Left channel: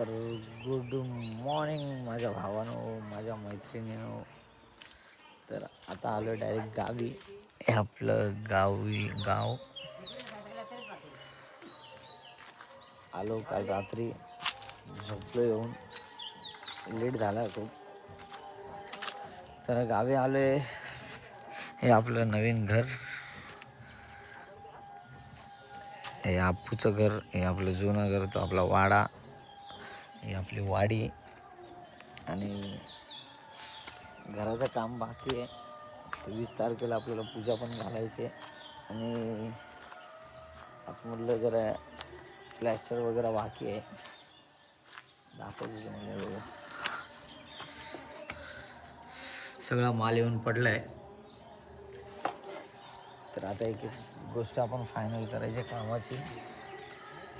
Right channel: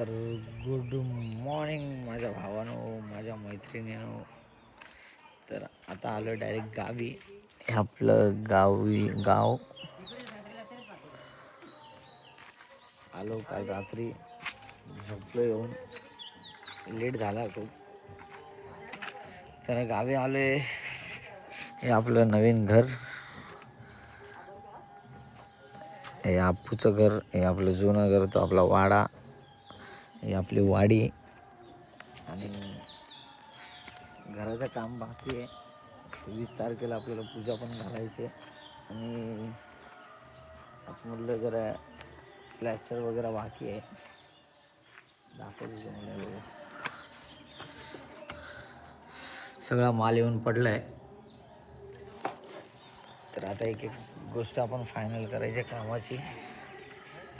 तर good morning माझ्या भावानो, माझ्या मैत्रिणीनो. तर आता आलो डायरेक्ट गावी. हे आपलं गाव आलो काल रात्री, झोपलो येऊन, लेट झाला खूप. तर गावी आलोय. हे आपलं नवीन घर, हे आपूचं घर, हे आपलं जुनं घर, तो आपला वाडा, ही आपली वाडी. आणि घराचं काम बाकी आहे. 20 तारखेला आपल्याला पूजा पण घालायची आहे. आणि आतमधलं जरा प्लॅस्टर वगैरे बाकी आहे. दाखवतो तुम्हाला वगैरे. सगळा माल येऊन पडला आहे. तर आता एक एक गोष्ट आपण फायनल करायची कामाची.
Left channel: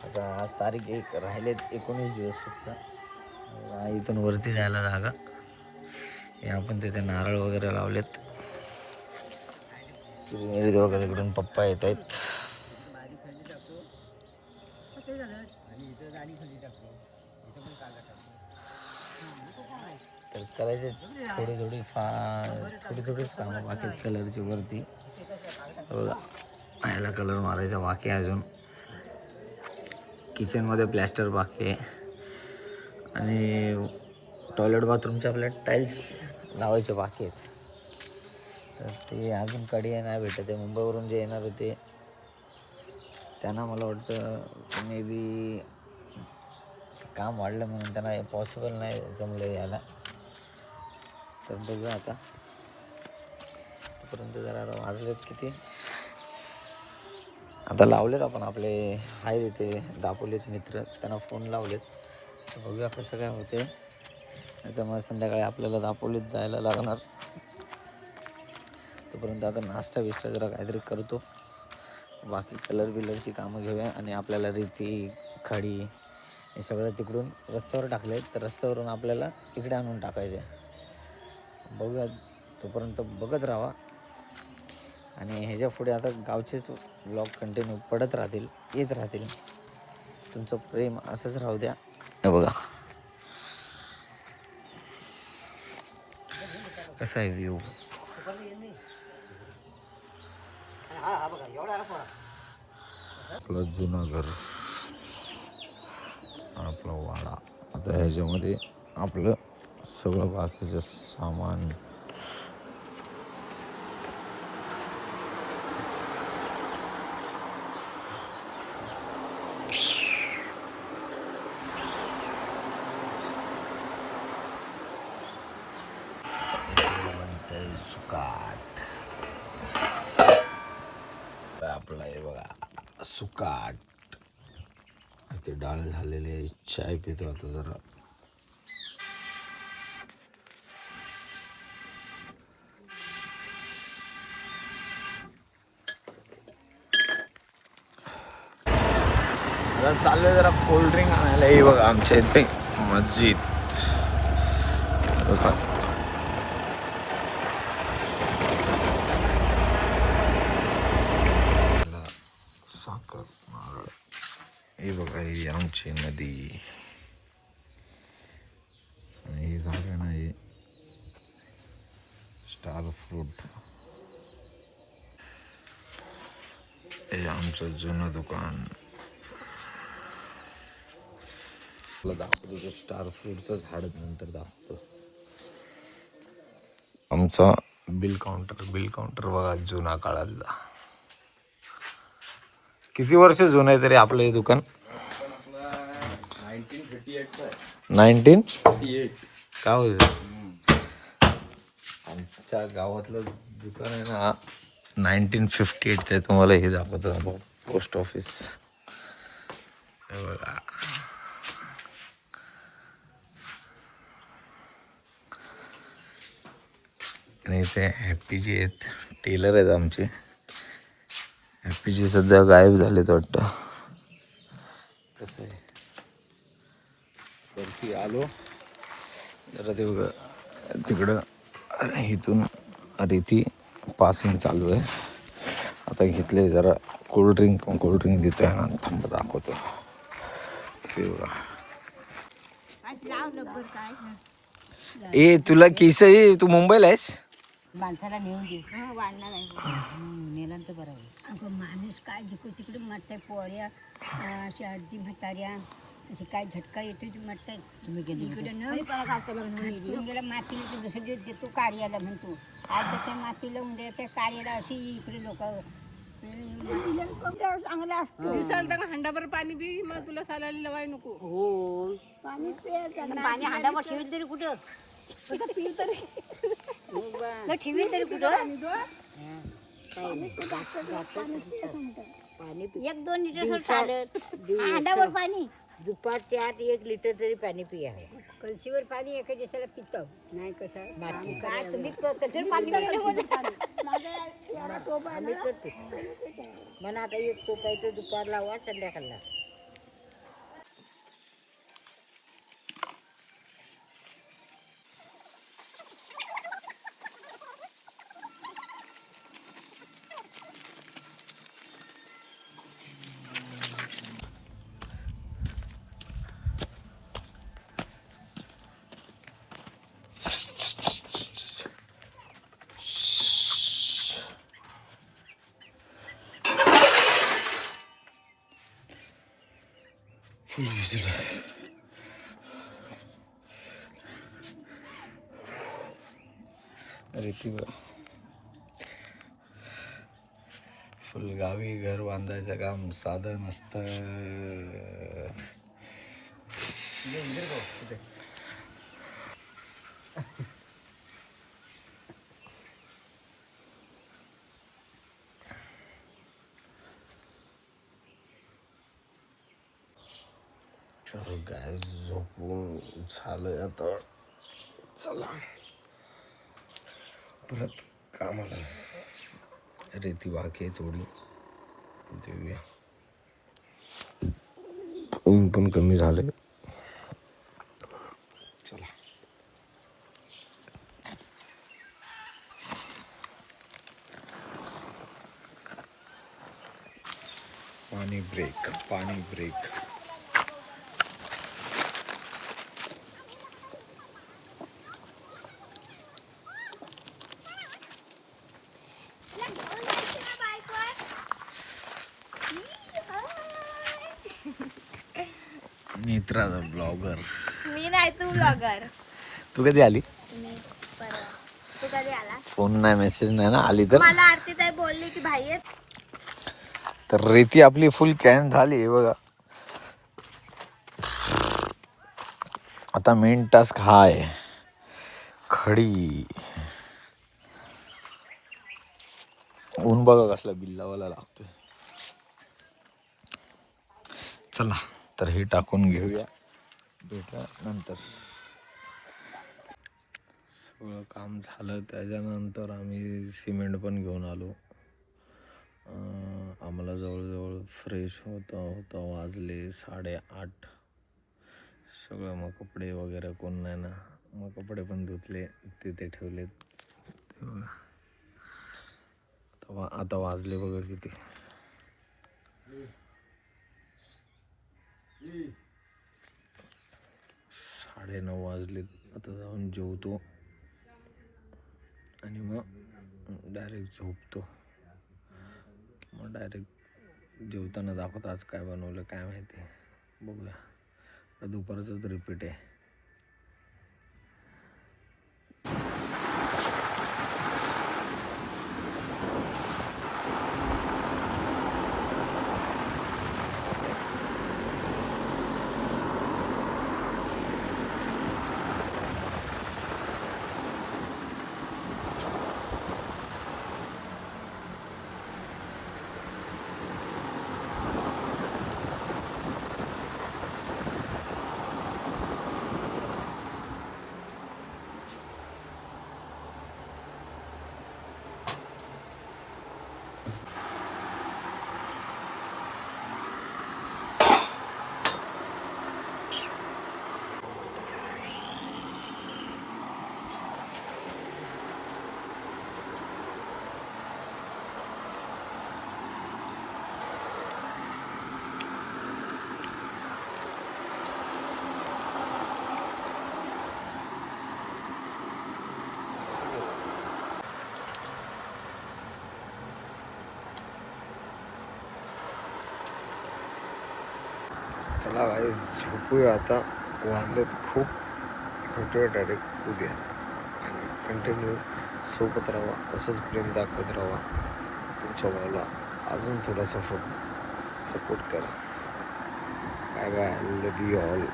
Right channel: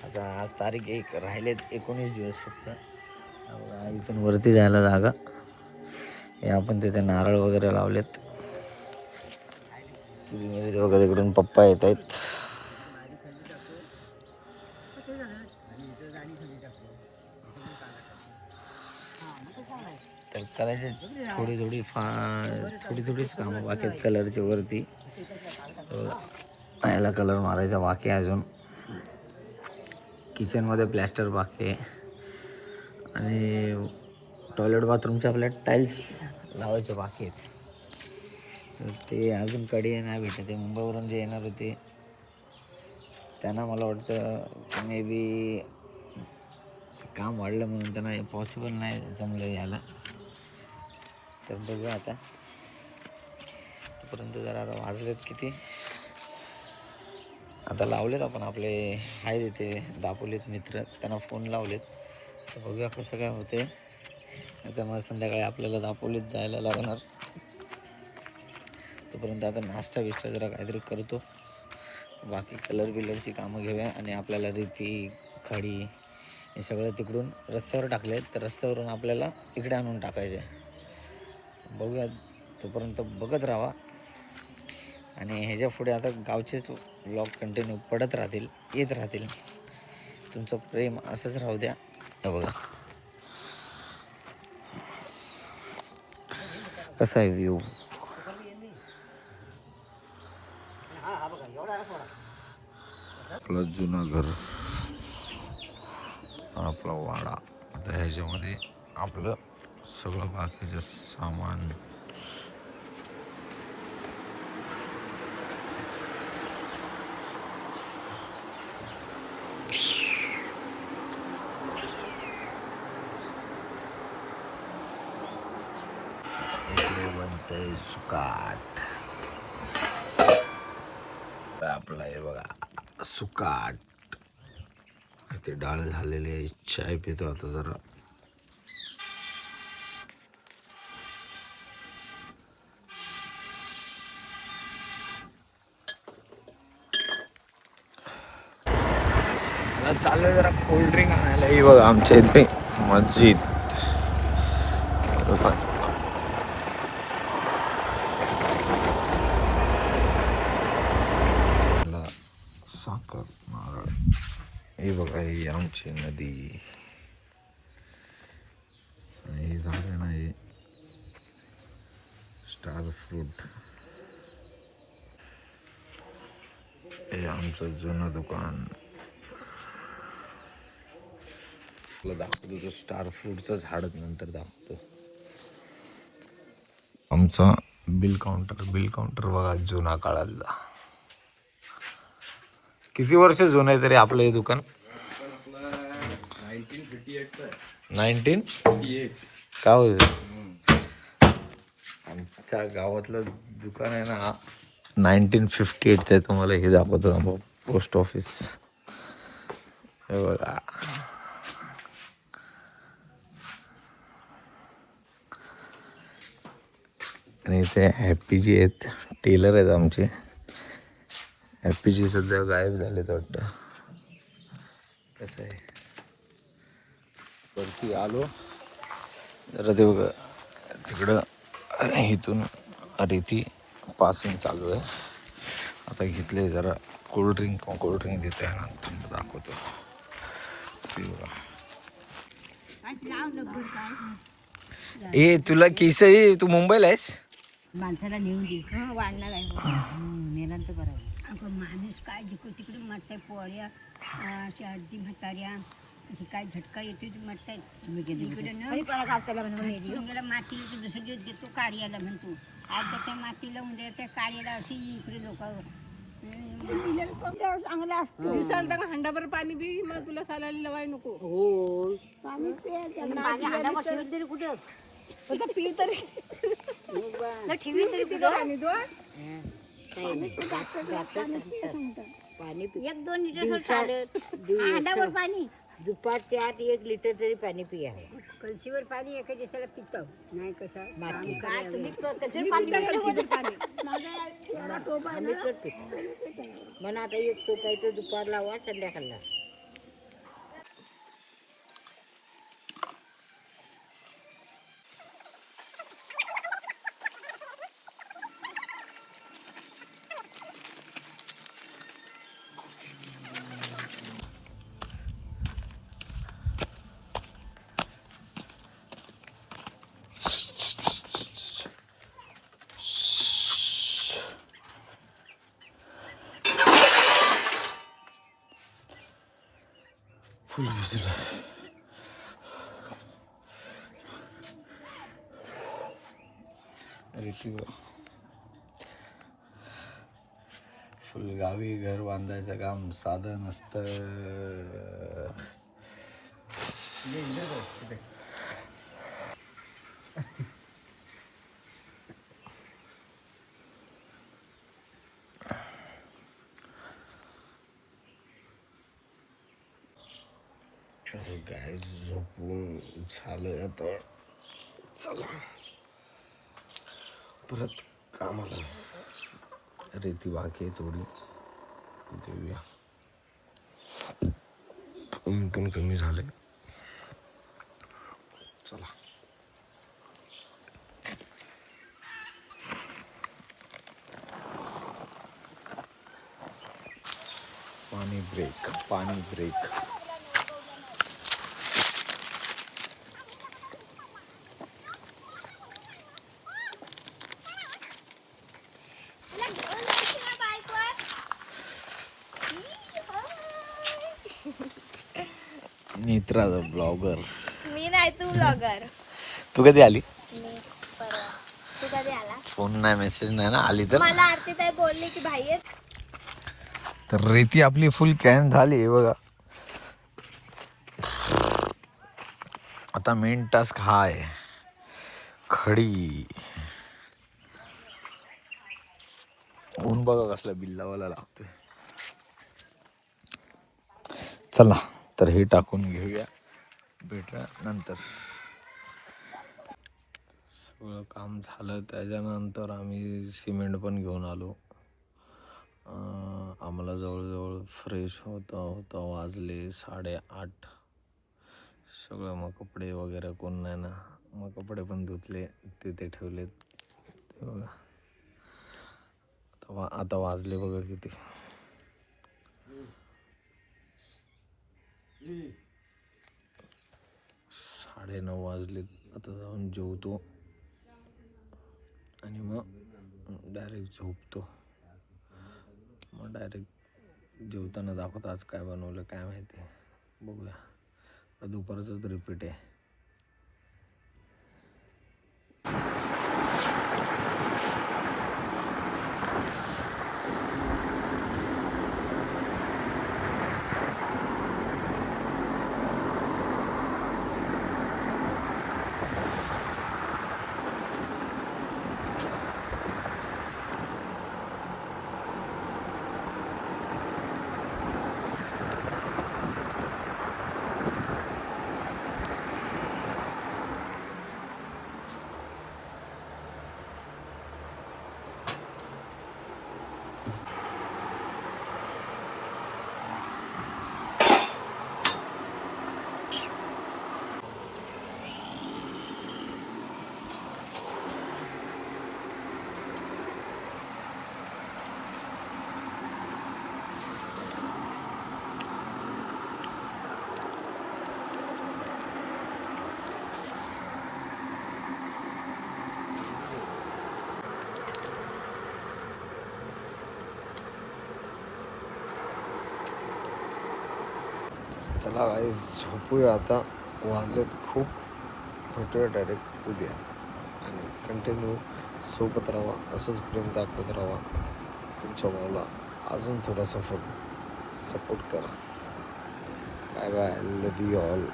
आता आज तारीख 1 राहिलेत 19 दिवस फक्त. इथून वरती जायला जागा. हे आपण तिथे नारळ वगैरे लावलेत. वगैरे तिकडून पप्पा येत आहेत. तर करायचे थोडीच कामं बाकी आहेत. कलरची वरती याला कलर मारायचा बाकी आहे अजून. किचनमध्ये प्लॅस्टर बाकी आहे. आणि टॉयलेट बाथरूमचे आपले टाईल्स लावायचे बाकी आहेत. तर ते अजून कडी नाही भेटत आहे. मुंबईवरून जे येणार होते त्यांना मला वाटतं मे बी काम वाढलं म्हणून त्यांना पॉसिबल नाही जमलं यायला. तर बघूया आता. तोपर्यंत जरा वाजलेत किती, आता लावलेत आपण आपले आहेत इथे दापोलीत मित्र, त्यांना फोन लावलेत. तर बघूया कसं काय होते. आता मग संध्याकाळी आपल्याला दापोलीत जायला लागणार. तोपर्यंत आता नाश्ता बिष्टा जरा काहीतरी करतो. बाकी कलर बिलरची कामं घेऊया. आणि आपल्याला रेती खडी हे सगळं तिकडून रस्त्यावर टाकले आहेत. तर रस्त्यावरून आपल्याला इकडे आणून टाकायचे. बघूया, तोपर्यंत बघत राहा. आणि ह्याच्या पुढे आता गावचेच व्लॉग कंटिन्यू पडत राहतील, येत राहतील. तुमचं प्रेम असंच राहू द्या. हे बघा कसा आहे व्ह्यू. आपलं जुनं घर, आपला वाडा. आता ह्याच्यामध्ये आपलं सगळं बाकीचं सामान. सुकाट आपलं आहे बघा, सुकाट. ते डाळ झालेले. चाय पितो आता जरा. आता चाललोय जरा कोल्ड्रिंक आणायला. ही बघा आमच्या इथे मस्जिद. साखर, नारळ. हे बघा ही आमची नदी. आणि हे झाड आहे ना, हे स्टार फ्रूट. हे आमचं जुनं दुकान. दाखवतो तो स्टार फ्रूटचं झाड नंतर दाखवतो. आमचा बिल काउंटर बघा, जुना काळातला. किती वर्ष जुनं आहे तरी आपलं हे दुकान? 1958 का होतं. आमच्या गावातलं दुकान आहे ना 1958चं आहे. तुम्हाला हे दाखवतो पोस्ट ऑफिस. हे बघा, आणि इथे हॅपीजी आहेत, टेलर आहेत आमचे. हॅपीजी सध्या गायब झालेत वाटतं. कसं आहे, वरती आलो जरा. ते बघा तिकडं इथून रेती पासिंग चालू आहे. आता घेतले जरा कोल्ड्रिंक तिथे. थांब दाखवतो. ते बघा ए तुला केस आहे, तू मुंबईला आहेस? माणसाला नेऊन दे वाढणार आहे नेल्यानंतर बरं आहे. माणूस काय जिकडे तिकडे मरताय पोळ्या अशा अर्धी म्हाताऱ्या असे काय झटका येतो ती मरताय. गेला मातीला तर दुसरे दिवस घेतो कार्याला म्हणतो. आज त्या मातीला उद्या त्या कार्याला अशी इकडे लोक चांगला असतो. दिवसाला हंडाभर पाणी बी मग तुला सालायला लवाय नको. हो पाणी तरी कुठं पी तरी ठेवी तरी कुठं पाणी दो पाणी 1-2 लिटर चालत हांड्यावर पाणी दुपारच्या आत 1 लिटर तरी पाणी पिया. कळशीवर पाणी एका दिवसाला पितो नाही कसं म्हणून आता 1 टोप आहे तो दुपार लावा संध्याकाळला. फुल भिजलं. रीती फुल गावी घर बांधायचं काम साधं नसतं. काय झोपून झालं आता. चला परत कामाला. रेती बाकी आहे थोडी देऊया. ऊन पण कमी झाले. चला पाणी ब्रेक. मित्रा ब्लॉगर. मी नाही तू ब्लॉगर. तू कधी आली? मी परवा. तू कधी आला? फोन नाही मेसेज नाही ना. आली तर मला आरती ताई बोलली की भाई आहेत. तर रेती आपली फुल कॅन झाली बघा. आता मेन टास्क हा आहे खडी. ऊन बघा कसला बिल्लावाला लागतोय. चला तर हे टाकून घेऊया. भेटल्या नंतर सगळं काम झालं. त्याच्यानंतर आम्ही सिमेंट पण घेऊन आलो. आम्हाला जवळजवळ फ्रेश होता वाजले 8:30. सगळं मग कपडे वगैरे कोण नाही ना. मग कपडे पण धुतले तिथे ठेवलेत. आता वाजले बघा किती. 9:30 वाजले. आता जाऊन जेवतो आणि मग डायरेक्ट झोपतो. मग डायरेक्ट जेवताना दाखवतो आज काय बनवलं काय माहिती. बघूया. दुपारचंच रिपीट आहे. चला गाईस झोपूया आता, वाजलेत खूप. भेटूया डायरेक्ट उद्या आणि कंटिन्यू सोबत राहा, असंच प्रेम दाखवत राहा तुमच्या भावाला. अजून थोडासा सपोर्ट करा. Bye bye, love you all.